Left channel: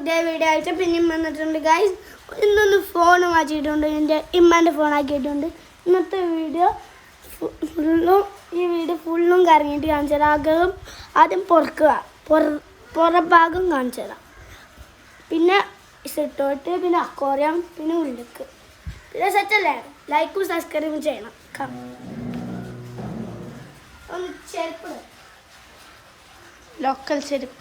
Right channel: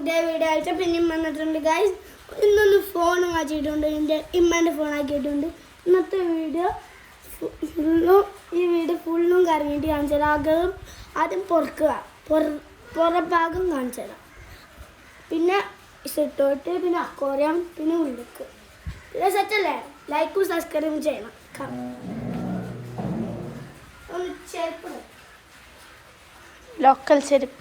പുതിയ വീഡിയോ ആയിട്ട് പിന്നെയും വന്നിട്ടുണ്ട് ഗൈസ്. ഇന്നൊന്ന് ഫോൺ മാറ്റിയിട്ടുണ്ട്, എൻ്റെ ഇമ്മാൻ്റെ ഫോൺ ആക്കിയിട്ടുണ്ട്. ഇന്നത്തെ വീഡിയോ ഫുള്ളും കറങ്ങിയിട്ട് കാണിച്ചു തരാം. ആദ്യം പുറഭാഗം കാണിച്ചു തരാം, പിന്നെ സിട്ടോട്ട്, പിന്നെ അക്വേറിയം, പിന്നെ ഉള്ളിക്ക്. ഇത് സെറ്റല്ലേ? ലൈക്കും സബ്സ്ക്രൈബും ചെയ്യണം. ഒന്ന് ചെരുപ്പ്, ലോക്കൽ ചെരുപ്പ്.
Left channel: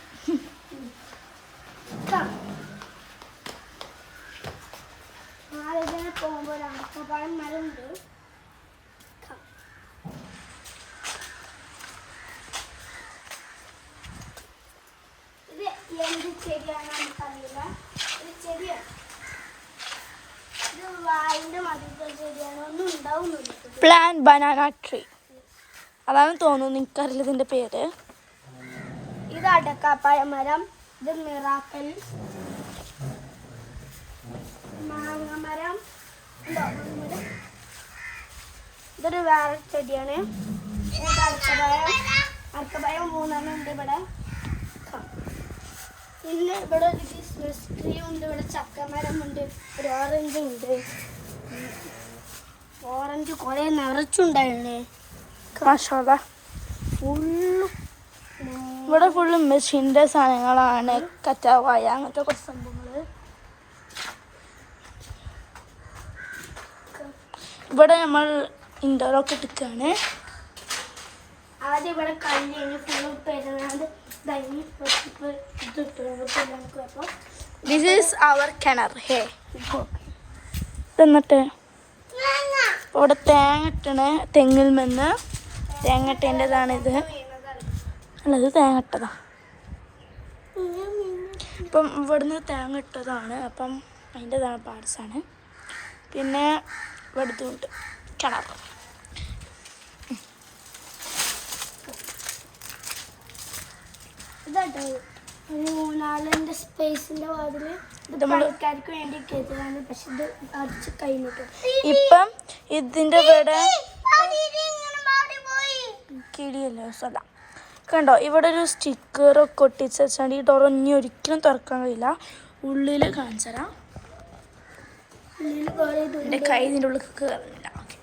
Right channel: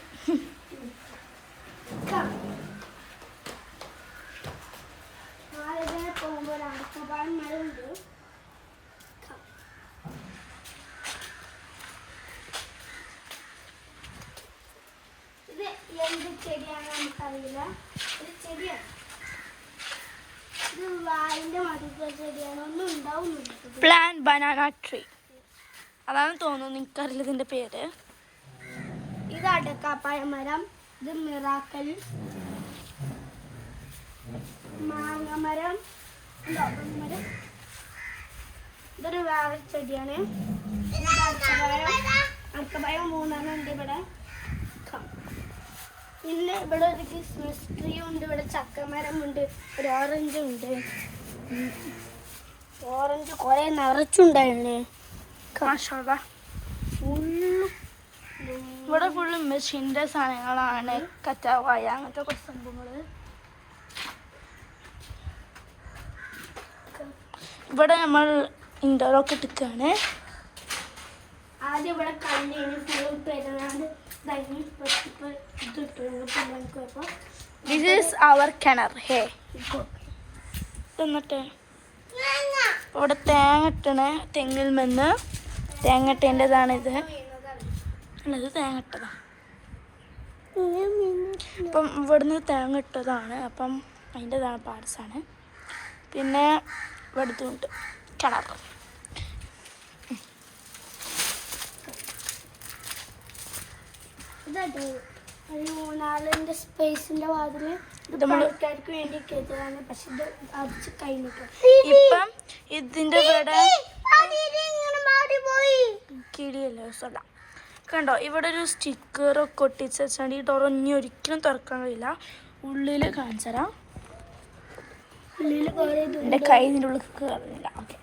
പോകുമ്പോൾ അടക്കപ്പാൻ മരമുണ്ട്. ഇത് എന്ത് ചെടിയാണെന്ന് നമുക്കറിയില്ല. ഇത് ചെടിയാണ്, ഇത് വായിൻ്റെ മതിലുള്ള ചെടിയാണ്. ഒന്നും ഉണ്ടാവുന്നില്ല. പ്ലാൻ ബനാന ട്രീ അതാണ് തോന്നുന്നു, എനിക്കറിയില്ല ഇതിൻ്റെ പേര്. ഇത് അടക്കാപ്പായ മരം, ഇത് മിറാക്കൽ മാങ്ങമരം. ഇതൊരു വേറെ ചെടിയാണ്. ഇത് അടക്കപ്പായം 3 ഉണ്ട് ഇവിടെ. പിന്നെ ഇവിടെ ഒരു ക്രിസ്മസ് ട്രീ ഉണ്ട്. ഇവിടെ ചക്കമരമുണ്ട്, ഒരു ഓറഞ്ച് ഉണ്ട്. ഓറഞ്ച് കുറെ നിറച്ചുണ്ടായിരുന്നേ. ഇവിടെ ഫുള്ള് മെഷീൻ്റെ സാധനങ്ങളാണ്, കറ്റാവായ അങ്ങനത്തെ കുറച്ച് സംഭവങ്ങൾ. ഇവിടെ നമ്മൾ ഇൻഡോറൊക്കെ ഇട്ടിക്കാണ്. ആദ്യം ഇവിടെ കല്ലിന് ഫുള്ള് പെരുന്നാണ്ട് ദിസ് ഈസ് അവർ കിണർ. ഹേ എന്നിട്ട് ഇവിടെ തേങ്ങ ഇട്ടണ തെങ്ങിൽ നിന്ന് തേങ്ങ ഇട്ടേണ്ടതാണിത്. അല്ല, ഇത് തേങ്ങ ഇട്ടതാ. അപ്പം ഇവിടുന്ന് തേങ്ങ ഇട്ടതാണ്. അപ്പം അതിൻ്റെതാണ് പാർട്സാണ്. പിന്നെ ഇവിടുത്തുണ്ട് കിണർ. ഇതാട്ടോ മൂന്നാളിൻ്റെ സ്പേസിൻ്റെ വാതില്. ഇത് ആൾക്കാർക്ക് വേണ്ടി കയറ്റിയാണ്, പക്ഷെ ഇത് അടിച്ച് കഴിഞ്ഞിട്ട്. ഇപ്പം ഇതിൻ്റെ ഇവിടെ കിടിയല്ലേ സ്ഥലം കണ്ടോ. ഇവിടെ ഒരു സ്റ്റിക്കറൊക്കെ ഒട്ടിച്ച് വെച്ചാൽ ഈ ഡോർ ഇനി ഒരിക്കലും തുറക്കാൻ കഴിയില്ല. ഉള്ളിൽ കാണിച്ചു തരാം. എൻ്റെ കൈ ഇതിൻ്റെ ഉള്ളിൽ കയറുന്നില്ല. ഓക്കെ,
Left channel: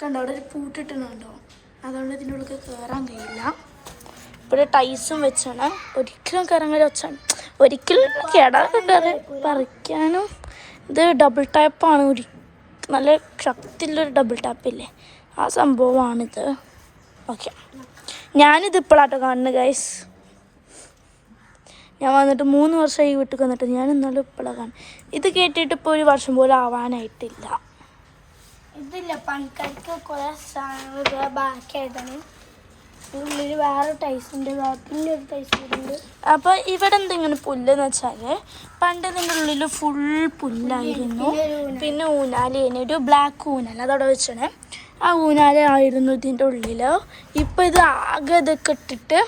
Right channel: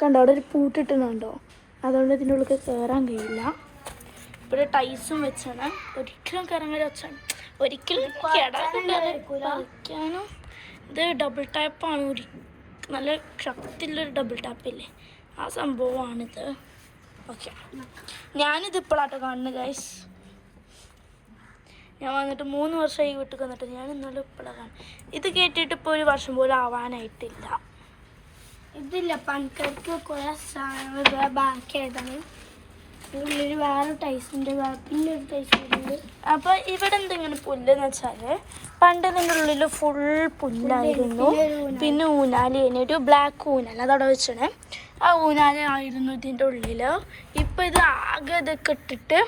കണ്ടോ അവിടെ ഒരു പൂട്ടിട്ടുണ്ടോ, അതുകൊണ്ട് ഇതിൻ്റെ ഉള്ളിൽ കയറാൻ കഴിയില്ല. ഇവിടെ ടൈസും വെച്ചാണ്, ഒരിക്കലും കയറാൻ കഴിയും. വെച്ചാണ് ഒരിക്കലും കിടക്കാതെ പറിക്കാനും. ഇത് ഡബിൾ ടാപ്പാണ്, നല്ല ശക്തിയുള്ളൊരു ഡബിൾ ടാപ്പില്ലേ, ആ സംഭവമാണിത്. ഓക്കെ, ഞാനിത് ഇപ്പോഴാട്ടോ കാണുന്നത് ഗൈസ്. ഞാൻ വന്നിട്ട് 3 വർഷമായി വീട്ടിൽ വന്നിട്ട്. ഞാൻ ഇന്നാലും ഇപ്പോഴാണ് കാണുന്നത്. ഇത് കേട്ടിട്ട് ഇപ്പോൾ 1 വർഷം പോലും ആവാനായിട്ടില്ല. ഇതില്ല, പണിക്കാർക്ക് കുറെ സാധനങ്ങൾ ബാക്കിയായതാണ്. ഉള്ളിൽ വേറെ ടൈസുണ്ട്, പിന്നെ ഒരു ടൈസുണ്ട്. അപ്പോൾ ഇവിടെ എന്തെങ്കിലും പുല്ലെന്ന് വെച്ചാൽ പണ്ട് ഇതിൻ്റെ ഉള്ളിൽ ഫുൾ പുല്ലായിരുന്നു. പിന്നെ ഊനാലേനെ, ഒരു ബ്ലാക്ക് ഊനാല അതവിടെ വെച്ചണേ. ആ ഊനാലായിരുന്നു ഇതിൻ്റെ ഉള്ളിൽ. ഇപ്പോൾ ഇത് ആകെ ഇതൊക്കെ ഇട്ടിട്ട്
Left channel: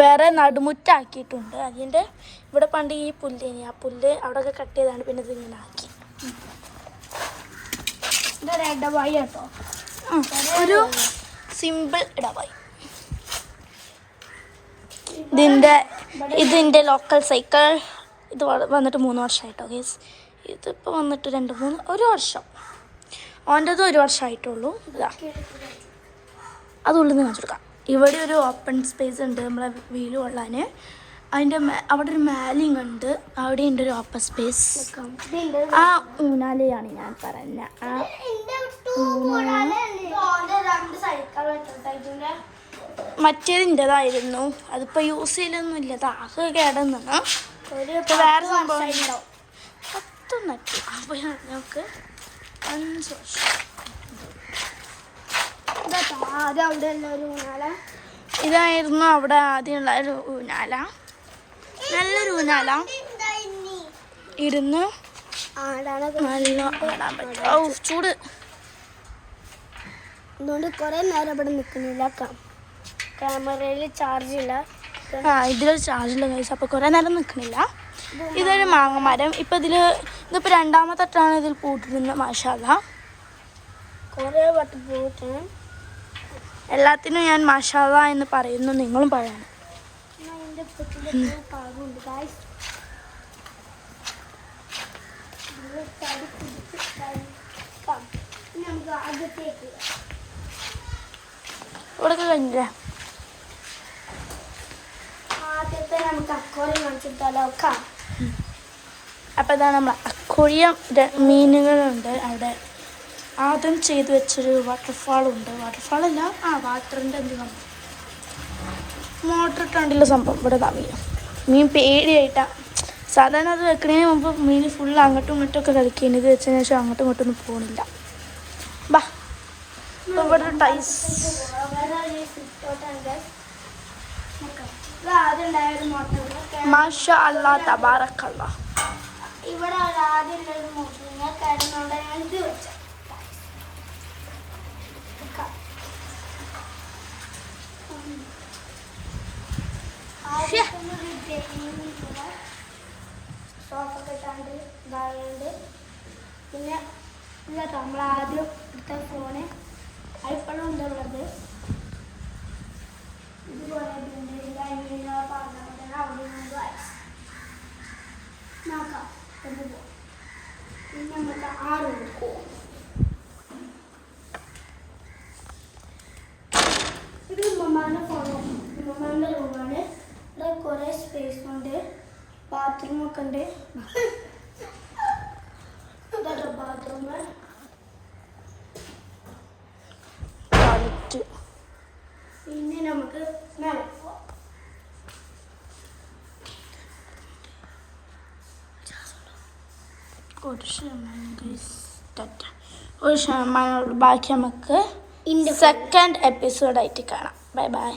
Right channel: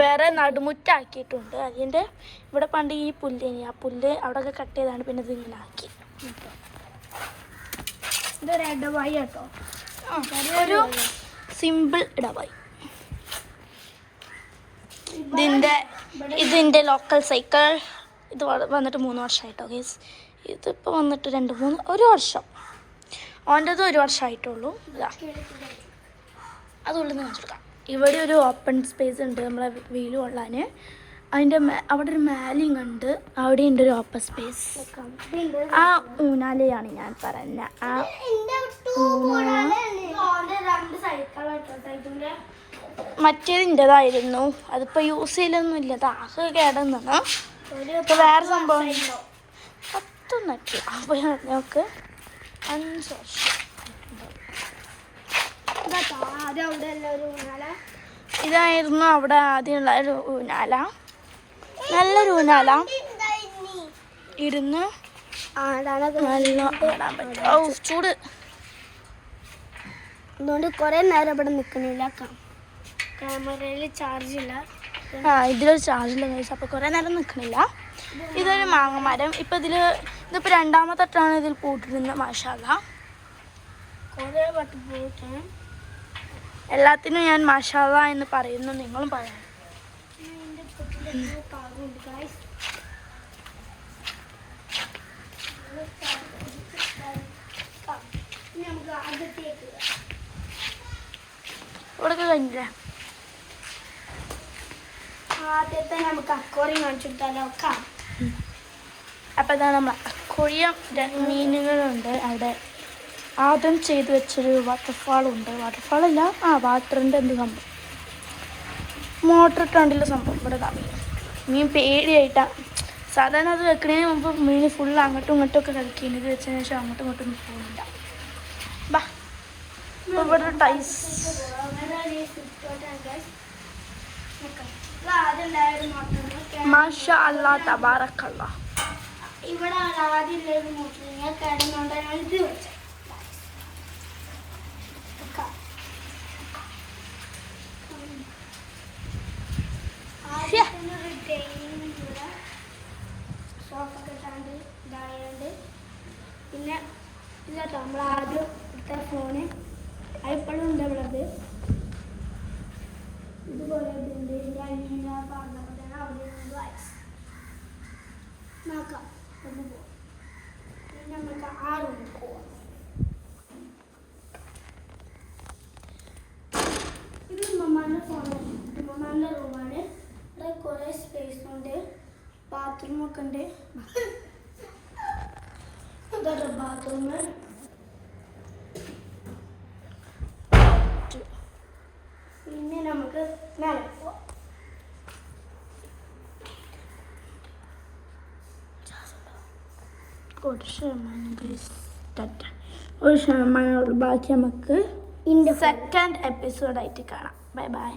വേറെ നടുമുറ്റാക്കിയിട്ടുണ്ട്. അതിൻ്റെ ഇവിടെ പണ്ട് ഈ പുല്ലേനി, ആ പുല്ല് അവിടെയൊക്കെ കട്ട് ചെയ്താണ് പിന്നെ ഇതിങ്ങനെ ആക്കി. ഇതൊരു ഇടവായി കേട്ടോ, ഒരു സിമ്പിൾ ഇടവായി. ഇതിൻ്റെ ലോക്കൽ സൈക്കിൾ. ഇത് വന്നിട്ട് 3 വർഷമായിട്ടോ ഗേസ്. ഇതിപ്പോൾ വന്നിട്ട് 1 വർഷം. ഓൻ്റെത് 1 വർഷമായിട്ടുള്ളൂ. ഇതാ അത് ഉള്ളിൽ നിന്ന് കാണിച്ചെടുക്കാം. ഇവിടെ ഒരു ഓപ്പൺ സ്പേസ് ഉണ്ട് നമ്മളെ വീല് കൊള്ളാൻ. അതിൻ്റെ അവിടെ ഒരു മാലിങ് ഉണ്ട്, അവിടെ ഉണ്ട് ഒരു ഓപ്പൺ സ്പേസ്. ആ ഊനാലയാണ് ഞാൻ പറഞ്ഞ ആ മറ്റേതിൻ്റെതായിരുന്നു. അതിപ്പോൾ യൂസ് ചെയ്യലൊന്നുമില്ല, അതാകെ കേടന്നാണ്. ഇപ്പോൾ വേറെ സംഭവം 10 നട്ട്. അപ്പോൾ നമുക്ക് 5 വർഷം. ഇതായിരുന്നു അവിടെ ആദ്യമുള്ള ഒരു ഊനാല. നല്ലൊരു ഊനാല, ഇരുന്ന് നല്ല ആടാൻ പറ്റും. ഓ ചൂട്, അതുകൊണ്ട് കുറേ നേരം ഇവിടെ നിൽക്കണില്ല. ക്യാമറയിൽ ചാർജ് ഇല്ല. ഇതിലൊരു ചാർജുള്ള കൈസ്, അപ്പോൾ കുറേ നേരം നിൽക്കണില്ല. ഇതൊരു മാങ്ങമരം. ഇപ്പം ഇതിപ്പോൾ 2ാമത്തെ തട്ടാണ് ഇതിൽ പൂട്ടിരുന്നത്. മാഷാഅല്ലാ, കുറേ വട്ടം പോയിട്ടാണ്. എല്ലാത്തിനും ഞാൻ മാഷാഅല്ലാ എന്ന് പറയുന്നു, നിങ്ങളും പറയണം. എൻ്റെ കാറുണ്ട് ഗായ്സ്. നമുക്ക് അകത്തേക്ക് ഇവിടെ കഴിഞ്ഞില്ലേ? ആദ്യത്തെ നമുക്ക് അക്കോറി കാണിച്ചെടുത്താലോ? അപ്പോൾ ഇതാണ് നമ്മൾ അക്വേറിയം മീനുകളുണ്ട് അവിടെ. ആദ്യം ചെയ്ത് വെച്ചൊരു വാട്ടർഫാളുണ്ട്. വാട്ടർഫാളല്ല, വാട്ടറിൻ്റെ എന്ത് സംഭവം, മോട്ടർ ഇട്ടാണ്ടുള്ള സംഭവം. ഇവിടെ ഇതാ മീൻ പേടിയായിട്ടാണ്. സാധാരണ അത് വെക്കുന്നതിന് മുമ്പ് മീൻ ഫുള്ള് അങ്ങോട്ടും ഇങ്ങോട്ടും ഒക്കെ കളിക്കുന്നത്. ഇത് വെച്ചതിന് ശേഷം അങ്ങോട്ടും ഇങ്ങോട്ടും ഒന്നും പോകുന്നില്ല. ബാ ഇപ്പോൾ ഇവിടെ ടൈസ് മാഷാ അല്ലാ തബാറക്കല്ലാ. ഇവിടെ ആദ്യം കിടന്നോണ്ട് ഇത് വെച്ച സോഫൊക്കെ ഇട്ടാണ്ട് ഇതായുണ്ട്. പിന്നെ ഇല്ല കേട്ടോ, നമ്മൾ ആദ്യം എടുത്ത ഫോണ് അതിപ്പോഴും ഉണ്ട് ഉള്ളത്. ഇതുപോലെ ഉണ്ട്. നോക്കാം. പിന്നെ നമുക്ക് 6 എടുക്കും. ഇത് മമ്മാൻ്റെ ഫോണാണ്, മമ്മാൻ്റെ റൂമാണ്. ഇവിടെ കുറേ സ്പേസ് ഉണ്ട്, ബാത്റൂമൊക്കെ ഉണ്ട്. ഇതൊരു ബാത്റൂം. പിന്നെ നമുക്ക് മേലെ പോവാം. ഒരു ശതമാനം ബാക്കി നമുക്ക് സെക്കൻഡ് എപ്പിസോഡായിട്ട് കാണാം. Bye bye.